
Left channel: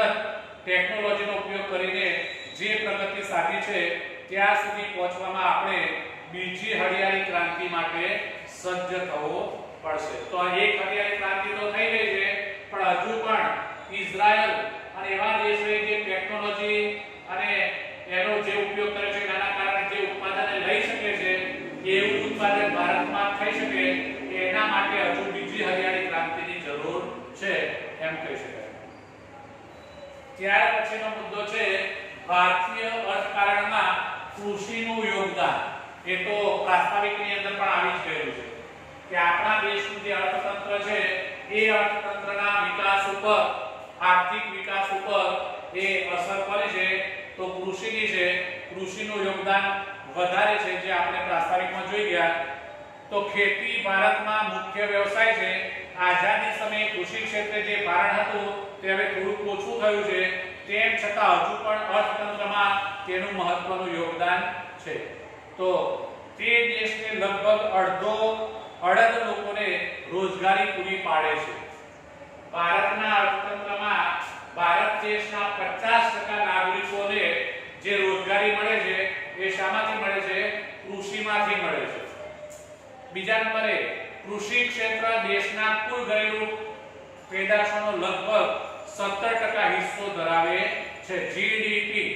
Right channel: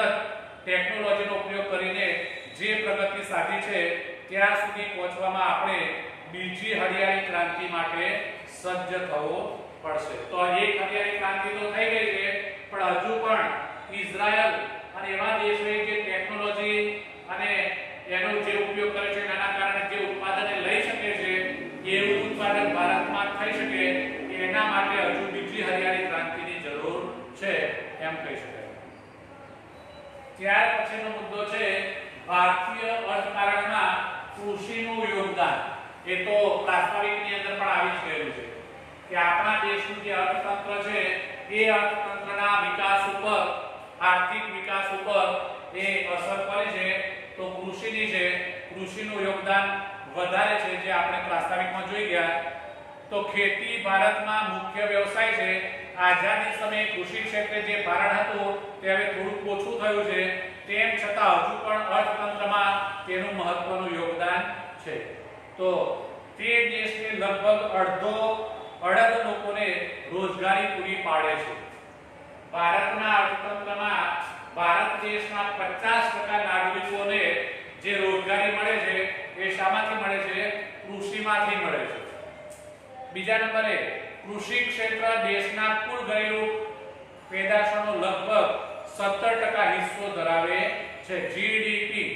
ટેકનોલોજીનો ઉપયોગ કરીને જે પ્રગતિ સાધી છે ત્યાં સુધી પહોંચવામાં આપણે બીજી હરિયાળી ક્રાંતિ માટે સજ્જ થવું પડશે. તો એક હરિયાળી ક્રાંતિ તો થઈ ગઈ છે, પણ હજુ પણ ઇઝરાયલ અને એવા દેશોએ જે ટેકનોલોજી અને એનો જે ઉપયોગ કરે છે તેના કારણે જે ઉત્પાદન લઈ શકે છે એવું ઉત્પાદન ભારતમાં થઈ શકે એના માટે હજુ બીજી હરિયાળી ક્રાંતિની જરૂર છે. એમ કહી શકાય. ત્યાર પછીનો મુદ્દો છે ભારતીય અર્થકારણમાં કૃષિનું યોગદાન. એ તો પ્રાસ્તાવિકની અંદર પણ આવી જ ગયેલું છે કે આપણા દેશનું જે અર્થતંત્ર છે એ અર્થતંત્રના વિકાસ ઉપર, આર્થિક વિકાસ ઉપર એ અસર કરે છે. તો કૃષિની છે, કૃષિનું યોગદાન વધારે છે, જે આપણે પ્રાસ્તાવિકમાં જોઈ ગયા. તો ખેતી ભારતમાં મુખ્ય વ્યવસાય છે. આઝાદી સમયે કૃષિ ક્ષેત્રે જે ભારણ હતું તે હવે થોડું ઓછું થયું છે. તેમ છતાં હજુ પણ અર્થતંત્રમાં તેનું મહત્વનું યોગદાન છે. તો તે દેશને લગભગ અડધ લોકોને રોજગારી પૂરી પાડે છે. ભારતના અર્થતંત્રમાં ભારત દેશના 50% નાગરિકોને જે રોજગારી મળે છે એ શામાંથી મળે છે? કૃષિમાંથી મળે છે. બીજા નંબરે કૃષિ ક્ષેત્ર દેશના કુલ ઘરેલું પેદાશોનો લગભગ 17% હિસ્સો ધરાવે છે. જીડીપી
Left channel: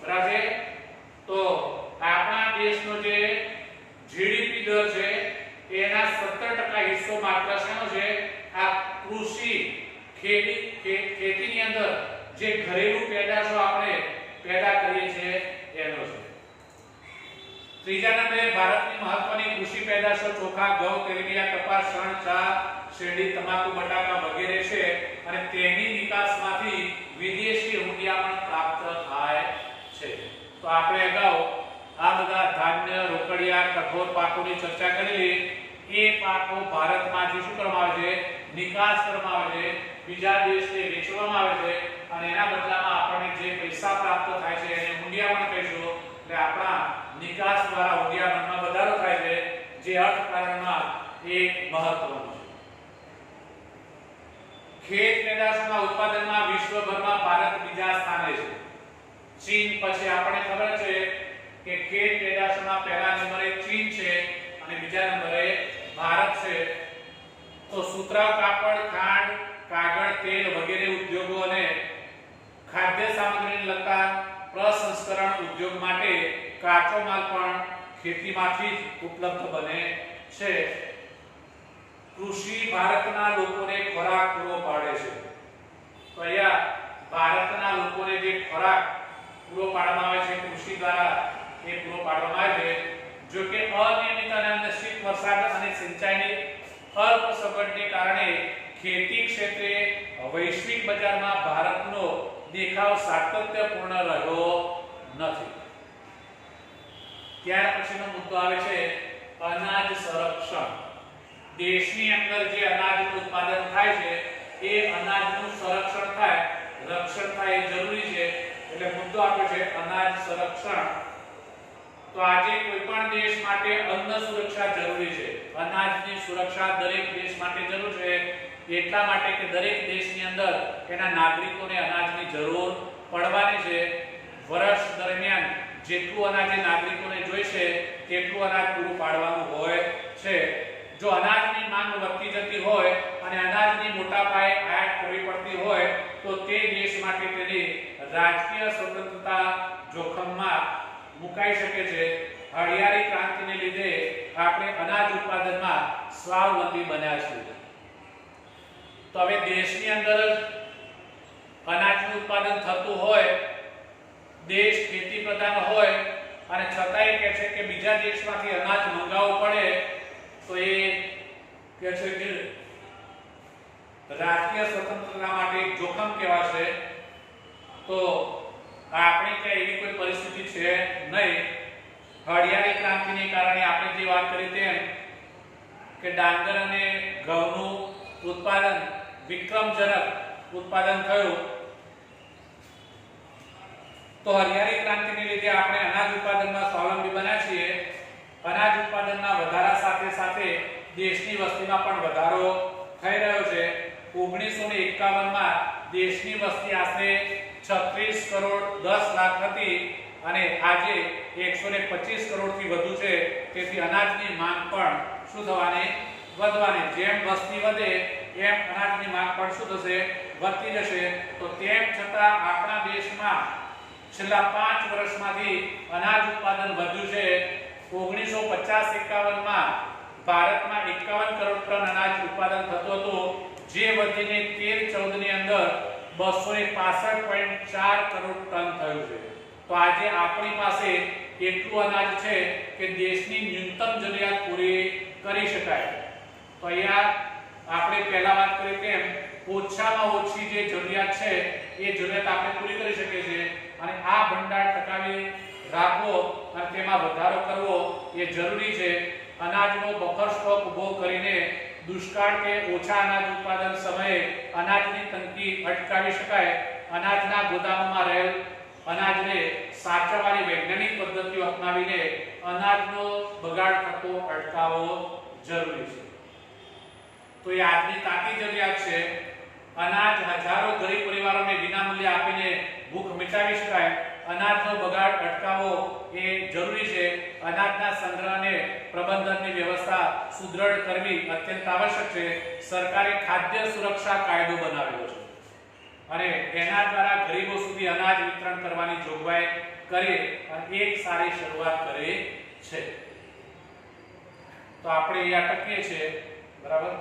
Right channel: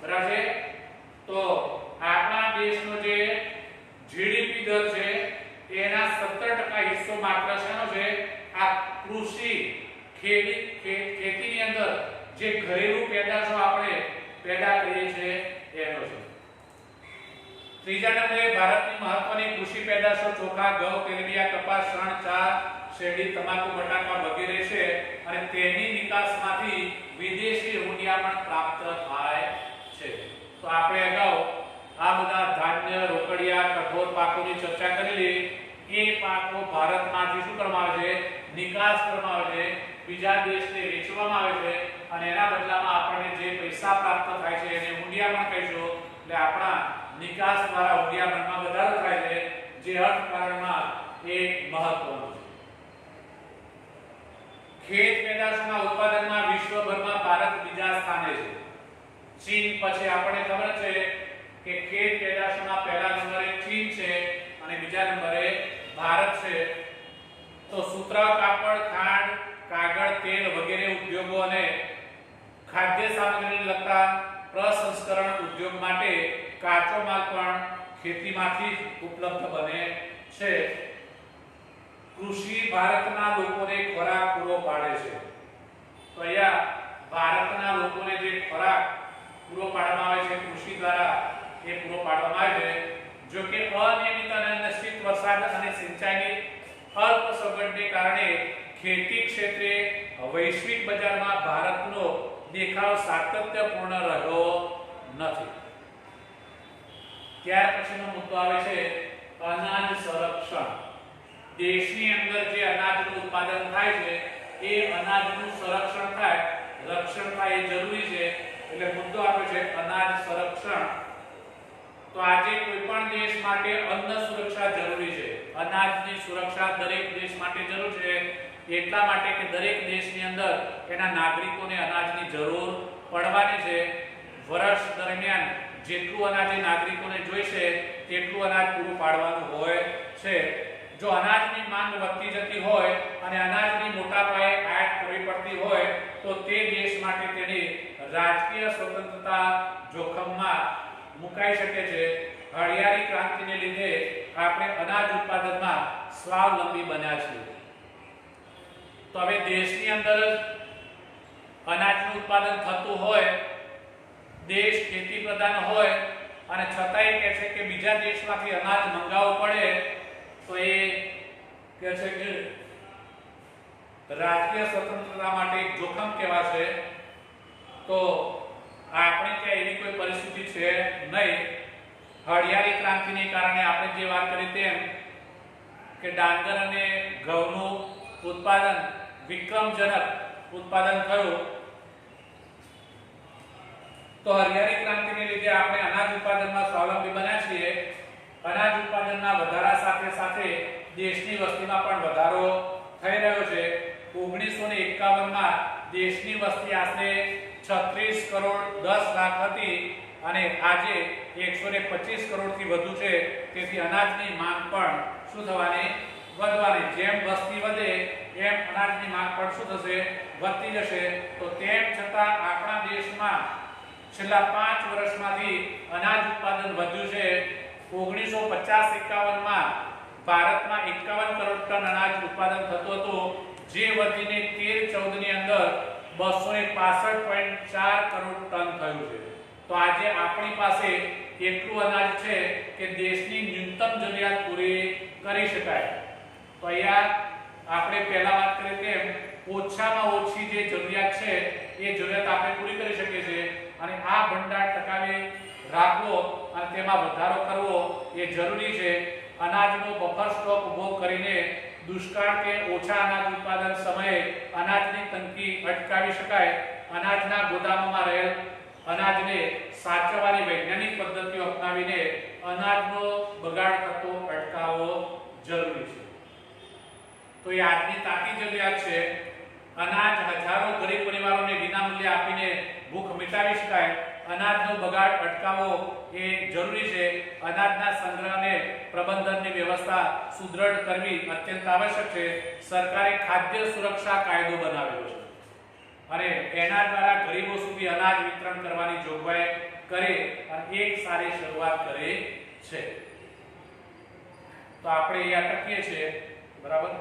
બરાબર. તો આપણા દેશનો જે જીડીપી દર છે એના 17% હિસ્સો માત્ર શાનો છે? આ કૃષિ ખેતીની અંદર જે ઘરેલું પેદાશો આપણે પેદા કરીએ છીએ એનો છે. ત્રીજા નંબરે ભારતની મહત્વની કૃષિ પેદાશો ચોખા, ઘઉં, તેલીબિયાં, કપાસ, શણ, ચા, શેરડી, તમાકુ, બટાકા વગેરે છે અને તેની નિકાસમાંથી વિદેશી હુંડિયામણ પ્રાપ્ત થાય છે. તો આપણે અગાઉ આ બધા ધાન્ય, રોકડિયા, કઠોળ પાકોની ચર્ચા કરેલી. એ પાકો ભારતમાંથી શું કરવામાં આવે છે? નિકાસ કરવામાં આવે છે, બીજા દેશને વેચવામાં આવે છે અને એના બદલામાં આપણને જે પૈસા પ્રાપ્ત થાય છે એને હુંડિયામણ કહીશું. એટલે આપણા નિકાસ દ્વારા હુંડિયામણમાં વધારો થાય છે, જે અર્થકારણમાં એક મહત્વનું છે. ખેત પેદાશોના ઉત્પાદનમાં વિશ્વભરમાં ભારત બીજા સ્થાને છે. ચીન પછી આપણને ખબર છે કે ખેત પેદાશોમાં પહેલા નંબરે ચીન છે અને બીજા નંબરે ભારત છે. તો સુતરાઉ કાપડ, ખાંડ, કાગળ, તેલ વગેરે ઉદ્યોગો અને ખાદ્ય સામગ્રીને લગતા પ્રસંસ્કરણ ઉદ્યોગ માટે કાચો માલ પણ ખેતીમાંથી જ ઉપલબ્ધ બને છે. કૃષિ ભારતના લોકોને ખોરાક પૂરો પાડે છે. તો અહીંયા ભારતના લોકોને જે ખોરાક પૂરો પાડવામાં આવે છે કૃષિ દ્વારા એ પૂરો પાડવામાં આવે છે. જો કે અનિયમિત અને અનિશ્ચિત વરસાદ અને સિંચાઈની અલ્પ સગવડને કારણે ખેતી ક્ષેત્રે વૈશ્વિક બજારમાં ભારતનો દેખાવ સાતત્યપૂર્ણ રહ્યો નથી. ત્યાર પછીનો મુદ્દો આવે છે અનાજ સંરક્ષણ. દેશની અંદર જે અનાજનું ઉત્પાદન થાય છે એ અનાજનું સંરક્ષણ થાય, રક્ષણ થાય એ જરૂરી છે. એટલે મુદ્દો આપે છે અનાજ સંરક્ષણ. તો આજે કોઈ પણ દેશ માટે અન્ન સુરક્ષા જરૂરી છે. અનાજની સુરક્ષા દરેક દેશ માટે જરૂર છે. એટલા માટે કે દરેક દેશની અંદર એના નાગરિકોને અનાજની જરૂર પડવાની છે. વર્ષ દરમિયાન જેટલું અનાજ નાગરિકોને જોઈશે તેટલું અનાજ પૂરું પાડવાનું હોય છે. જો અનાજની માંગ વધતી જતી હોય અને અનાજની મોટા પાયે આયાત કરવી પડતી હોય તો તે દેશ માટે તેની રાજકીય સ્વતંત્રતા જોખમમાં મુકાઈ શકે છે. હળિયાળી ક્રાંતિને લીધે આપણે અનાજ ઉત્પાદનમાં સ્વાવલંબી બન્યા છીએ. તો હવે દેશની અંદર અનાજનું ઉત્પાદન થતું હોય, દેશ ખેતી પ્રધાન હોય અને છતાંય કહે છે કે બીજા દેશમાંથી અનાજ મંગાવવું પડે તો એ કહે છે કે રાજકીય સ્વતંત્રતા માટે જોખમ કહેવાશે. તો આપણે ત્યાં એવી કોઈ પરિસ્થિતિ છે નહીં. હળિયાળી ક્રાંતિને કારણે આપણે જે વાત કરી તેમ કે ડાંગર અને ઘઉંનું ઉત્પાદન વિક્રમજનક ઉત્પાદન થયું. તો હળિયાળી ક્રાંતિને લીધે આપણે અનાજ ઉત્પાદનમાં સ્વાવલંબી બન્યા છીએ. અનાજ ઉત્પાદનના વધારા સાથે સાથે દેશની વસ્તીમાં પણ વધારો થઈ રહ્યો છે. 1951 માં દેશની વસ્તી આશરે 36 કરોડ 10 લાખ હતી અને આજે 125 કરોડથી વધુ છે. તેથી અનાજની માંગ પણ શું થવાની? વધવાની. જેમ વસ્તી વધે એમ અનાજની માંગ પણ શું થશે? વધતી જશે. તો તેમ છતાં આપણા દેશમાં છેલ્લા 5 વર્ષમાંથી અનાજ ઉત્પાદન વધ્યું છે. 1950-51 માં ભારતમાં 51 કરોડ ટન અનાજ ઉત્પાદન થતું હતું. જે વધીને 13-14 ની અંદર 265.4 કરોડ ટન થયું છે. તો આજે આપણી પાસે એટલું અનાજ છે કે દેશની ન્યૂનતમ જરૂરિયાત પૂરી કરી શકાય. તો અહીંયા આપણે પહેલા વાત કરી તેમ ઓછામાં ઓછી જે જરૂરિયાત છે એ જરૂરિયાત આપણે પૂરી કરી શકીએ છીએ અને આ ભંડાર ટકાવી રાખવો અને તેમાં વધારો કરવો એ જરૂરી છે. અનાજનો બફર સ્ટોક ઊભો કરીને દુષ્કાળ કે ઓછા અનાજ ઉત્પાદન સમયે અનાજની તંગી અટકાવી શકાય. અનાજના ગોદામોમાં રહેલ અનાજને સાચવવાની વૈજ્ઞાનિક પદ્ધતિઓ અપનાવીને અનાજનો બગાડ થતો અટકાવવો જરૂરી છે. તો એ આજની તાતી જરૂરિયાત છે. અનાજ હજારો ગરીબ પરિવારોને વિનામૂલ્યે આપીને ભૂખ મિટાવી શકાય. અનાજનો બગાડ અટકાવવો એ જરૂરી છે. અનાજના સંગ્રહને પ્રબંધનની વ્યવસ્થા સુદ્રઢ કરવી અત્યંત આવશ્યક છે. સરકારે ખાદ્ય સુરક્ષા કાયદો બનાવેલો છે અને એના દ્વારા ગરીબો સુધી અનાજ વિતરણ કરવાની જોગવાઈ કરી અને એક સારી શરૂઆત કરી છે. તો આપણે અહીંયા અટકીએ છીએ. બરાબર.